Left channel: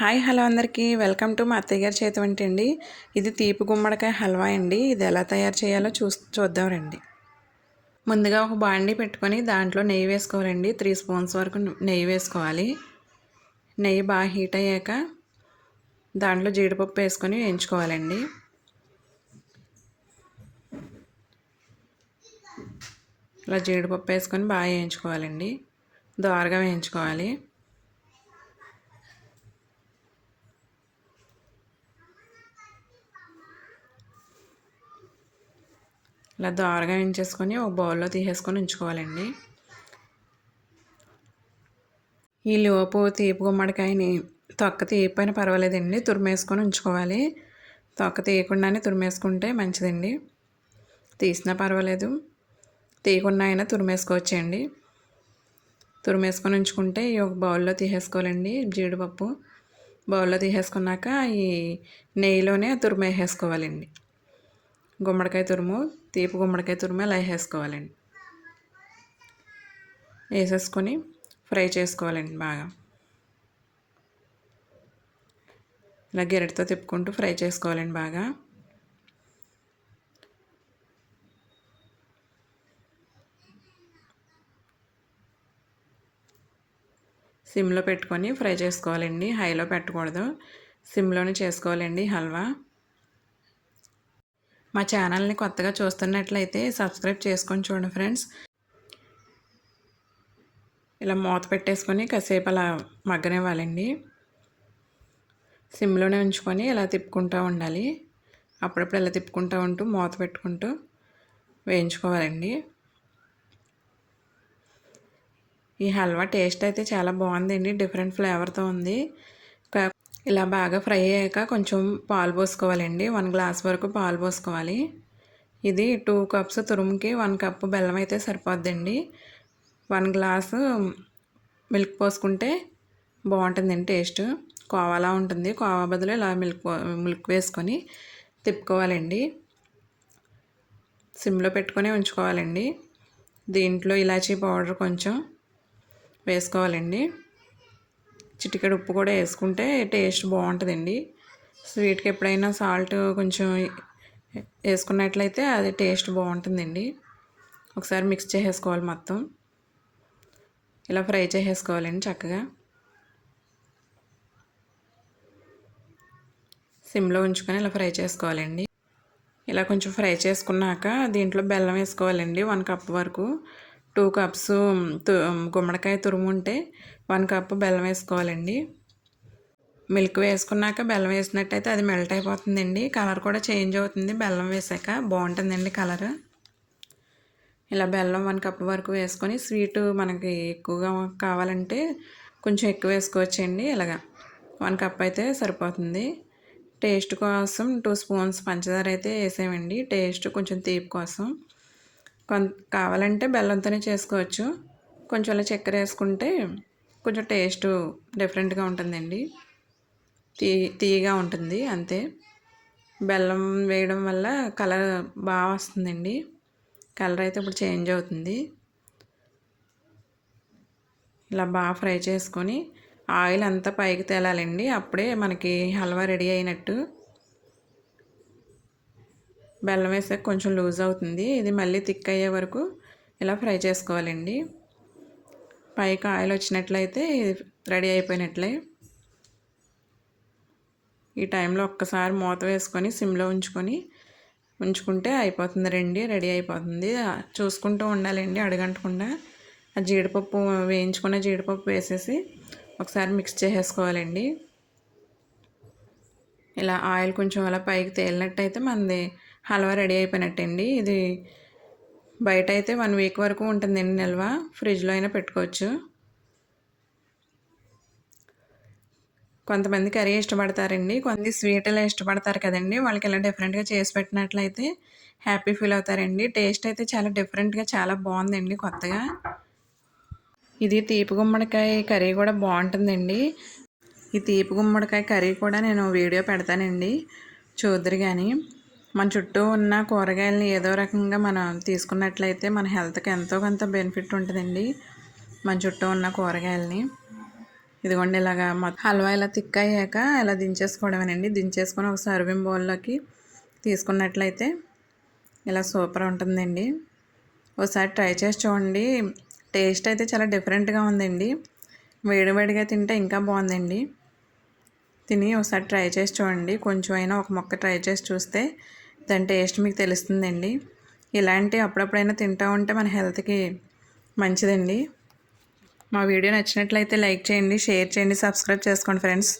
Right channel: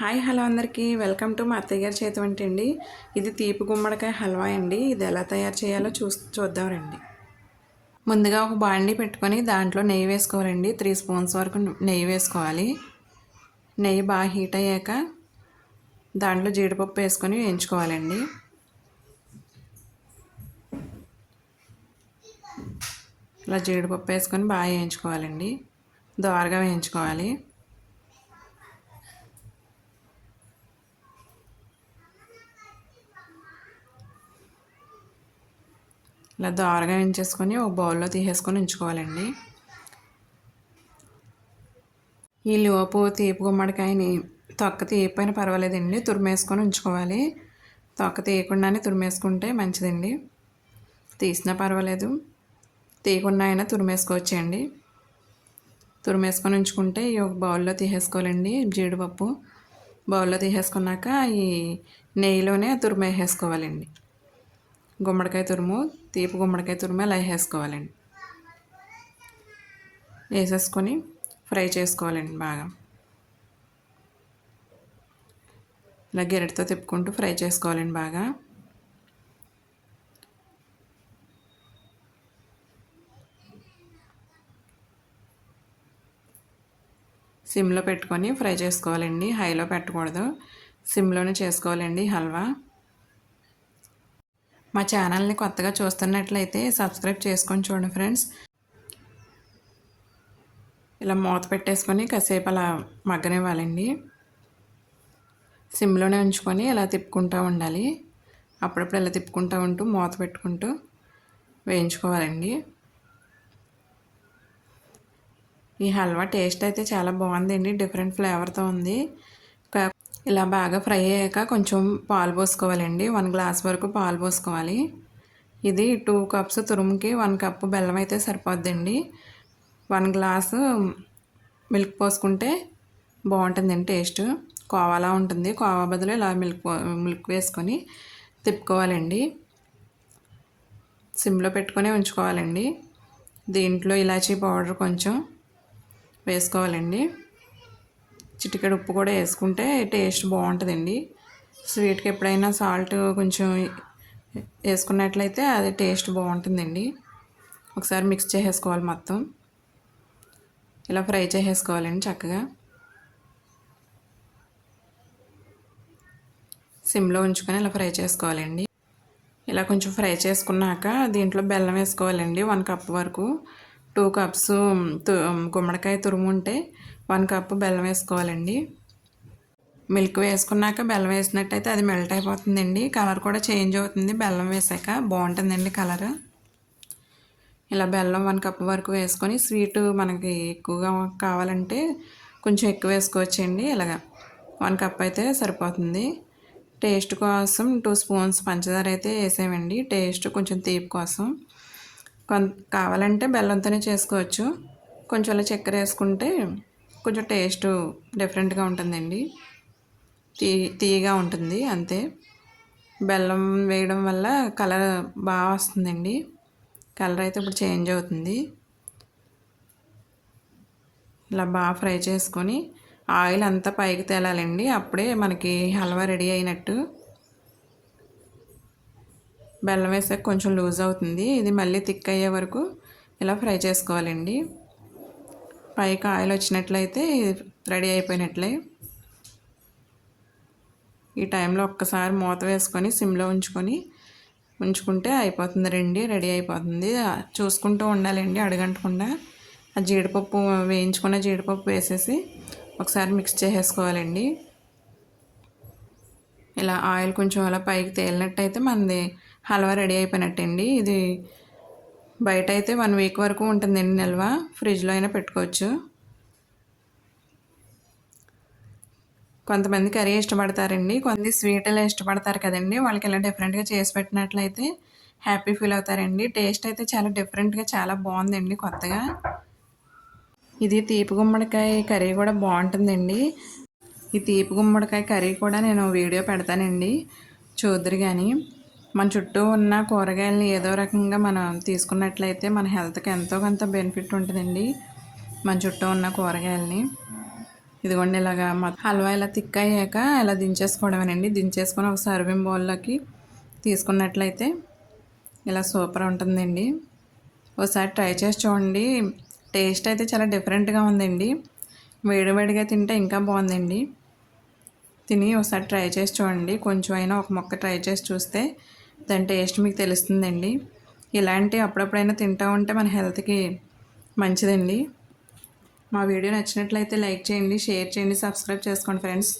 Hi hello అందరికీ welcome to మా అత్తయ్య గారి చేతి వంట అండి. ఇది తీపి గుమ్మడికాయ హల్వా అండి. ఇది ఎలా తయారు చేయాలో చూద్దాం రండి. ముందుగా ఒక బాండీ పెట్టుకొని దాంట్లో నెయ్యి వేసుకోవాలండి. 3 స్పూన్స్ వరకు నెయ్యి వేసుకోవాలి. నెయ్యి బాగా హీట్ అయ్యాక దాంట్లో జీడిపప్పు వేసుకొని వేయించుకోవాలండి. ఇలా జీడిపప్పు వేసుకొని బాగా వేయించుకోవాలండి. దోరగా వేయించుకోవాలి. ఇలా దోరగా వేయించేసుకొని ఒక బౌల్లో తీసేసుకొని ఉంచుకోవాలండి. ఈ లోపు తీపి గుమ్మడికాయని తొక్క తీయకపోయినా పర్వాలేదండి, తురిమేసుకొని ఉంచుకోవాలి. తొక్క తీయకుండానే తురిమేసుకుంటే మంచిదండి. తీసినా పర్వాలేదు, తీయకుండా అయినా తురిమేసుకోవచ్చండి. తురిమేసుకొని ఉంచుకుంటే ఈ ఒక బౌల్లో తీసేసుకోవాలండి. జీడిపప్పు బౌల్లో తీసేసుకున్నాక ఈ నెయ్యిలోనే తురిమేసేసుకోవాలండి. గుమ్మడికాయ తురుము, తీపి గుమ్మడికాయ తురుము అలా వేసేసుకోవాలండి. వేసేసుకొని ఫ్రై చేసుకోవాలండి. బాగా ఇలా గెరటితో తిప్పుకుంటూ ఫ్రై చేసుకోవాలండి. బాగా సిమ్లో పెట్టుకొని ఫ్రై చేసుకోవాలండి. హైలో పెట్టకూడదు, సిమ్లోనే చేసుకోవాలండి హల్వా. మా ఛానల్ని కొత్తగా చూస్తున్నట్లయితే సబ్స్క్రైబ్ చేసుకొని చూడండి ఫ్రెండ్స్. ఇలా మూత పెట్టేసుకొని కాసేపు అలా మగ్గనివ్వాలండి. సిమ్లోనే ఉంచుకొని ఇలా తిప్పుకుంటూ ఉండాలి. అప్పుడప్పుడు ఇలా తిప్పుకుంటూ ఉంటూ మూత పెట్టుకుంటూ వేయించుకోవాలండి. ఈ హల్వా టేస్ట్ అయితే చాలా బాగుందండి. డిఫరెంట్ ఫ్లేవర్తో ఉంది. ఇలా బాగా ఫ్రై అయ్యాక కొంచెం పాలు పోసుకోవాలండి. 1 గ్లాస్ వరకు పాలు పోసుకోవాలి. ఇది 2 కప్స్ తురుముకి 1 కప్పు బెల్లం అయితే సరిపోద్దండి. 1 గ్లాసు మిల్క్ పోసుకుంటే బాగుంటుందండి. టేస్ట్ కోవాలా ఉంటుంది. కోవా బదులు ఇలా మిల్క్ వేసుకొని తిప్పుకోవాలండి. సిమ్లో పెట్టుకొని ఉంచుకోవాలండి. దీంట్లో ఇలాచీ పౌడర్ కొంచెం వేసుకోవాలండి. చిటికెడు ఉప్పు కూడా వేసుకుంటే టేస్ట్ బాగుంటుందండి. స్వీట్కి ఎప్పుడైనా సాల్ట్ కొంచెం వేసుకున్నట్లయితే అది టేస్ట్ బాగుంటుందండి. ఒకసారి మిక్స్ చేసేసుకోవాలి. మొత్తం ఇలా ఫ్రై చేసేసుకోవాలండి. చక్కగా సిమ్లో ఉంచుకొని ఇలా ఫ్రై చేసుకోవాలండి. ఇలా కొంచెం ఫ్రై చేసుకున్నాక దీంట్లో బెల్లం వేసుకోవాలండి. 1 కప్ వరకు. 2 కప్స్ గుమ్మడికాయ తురుము ఉంటే 1 కప్పు బెల్లం వేసుకోవాలండి. మిల్క్ వేసుకున్నాక బెల్లం వేసినట్టయితే అది మెల్ట్ అయిపోతుందండి. కలర్ కూడా చేంజ్ అవుతుంది. బెల్లం వేసాక బాగుంటుందండి కలర్. ఇలా బెల్లం 1 కప్ వరకు వేసుకొని స్వీట్ మనకి ఎక్కువగా కావాలంటే కొంచెం ఎక్కువ వేసుకోవచ్చండి. ఇలాగా 1 కప్ అయితే సరిపోతుంది. టేస్ట్ కోసం 2 స్పూన్స్ పంచదార అయితే వేసామండి. టేస్ట్ కొంచెం తీపి కోసం. కావాలంటే బెల్లంతోనే చేసుకోవచ్చు. కొంచెం అలా చక్కెర వేసుకుంటే కొంచెం టేస్ట్ డిఫరెంట్గా ఉంటుందండి. తీయగా ఉంటుంది అంతే. బెల్లం వేయడం వల్ల కలర్ బాగా వస్తుందండి. కలర్ అయితే ఇప్పుడు చేంజ్ అవుతుంది. ఇలా బాగా ఫ్రై చేసుకొని ఆయిల్ అంతా పైకి తేలాలండి. అప్పుడే మనకి హల్వా రెడీ అయినట్టు. బెల్లం వేసాక కొంచెం లూజ్ అవుతుంది. ఇది మళ్ళీ థిక్ అయ్యే వరకు ఇలా ఫ్రై చేసుకోవాలండి. పైకి ఆయిల్ వచ్చినట్లయితే రెడీ అయిపోయినట్లే. ఈ టైంలో ఒక్కసారి మూత వేసుకొని సిమ్లో ఉంచుకుంటే అయిపోతుంది. రెడీ అయిపోతుంది. చూసుకుంటూ ఉండాలండి అడుగంటకుండా. ఆ జీడిపప్పు వేయించుకున్న జీడిపప్పు వేసేసి ఒకసారి మిక్స్ చేసేసుకోవాలండి. ఇలా ఆయిల్ కొంచెం అలా పైకి తేలినట్టయితే మనది హల్వా రెడీ అయిపోయినట్టండి. ఇది బయట అయితే 1 వీక్ వరకు ఉంటుందండి నిల్వ. ఫ్రిడ్జ్లో అయినా పెట్టుకోవచ్చు. కొంతమంది కర్రీ ఇష్టపడతారండి, కొంతమంది స్వీట్లు ఇష్టపడతారు కదండి. వాళ్ళకి ఇలా డిఫరెంట్గా చేసి పెట్టినట్లయితే హ్యాపీ ఫీల్ అవుతారండి. టేస్ట్ అయితే చాలా డిఫరెంట్గా చాలా బాగుందండి కొత్తగా. ఇది తీపి గుమ్మడికాయ కర్రీ కూడా బాగుంటుందండి. ఈ తీపి గుమ్మడికాయ కర్రీ కూడా నేను వీడియో పెడతానండి, చూద్దరు. కానీ మన చుట్టూ ఉన్న కూరగాయలని ఏదో రకంగా మనం తీసుకున్నట్లయితే మన హెల్త్కి ఎంతో కొంత బెనిఫిట్ ఉంటుందండి. మన చుట్టూ ఉన్న కూరగాయలని ఇదిగోండి ఇలాగా హల్వా ఇలా థిక్ అయ్యాక ఇలా దించేసుకోవడమేనండి. దించేసుకొని ఒక సర్వింగ్ బౌల్లోకి తీసుకున్నట్లయితే ఇలా సూపర్ ఉంటుందండి. ఒకసారి ట్రై చేసి చూడండి. టేస్ట్ అయితే చాలా డిఫరెంట్గా ఉందండి. వేడివేడిగా తింటే ఇంకా బాగుందండి. తిని ఒకసారి ట్రై చేసి చూడండి. కొంచెం అయినా ఒక ముక్క ట్రై చేసి చూస్తే దాని టేస్ట్ మీకు తెలుస్తుందండి. ఇలాంటి అప్పుడప్పుడైనా తింటూ ఉంటే మన హెల్త్కి మంచిదండి. మా వీడియో నచ్చినట్లయితే లైక్ చేయండి, షేర్ చేయండి, సబ్స్క్రైబ్ చేసుకోండి ఫ్రెండ్స్.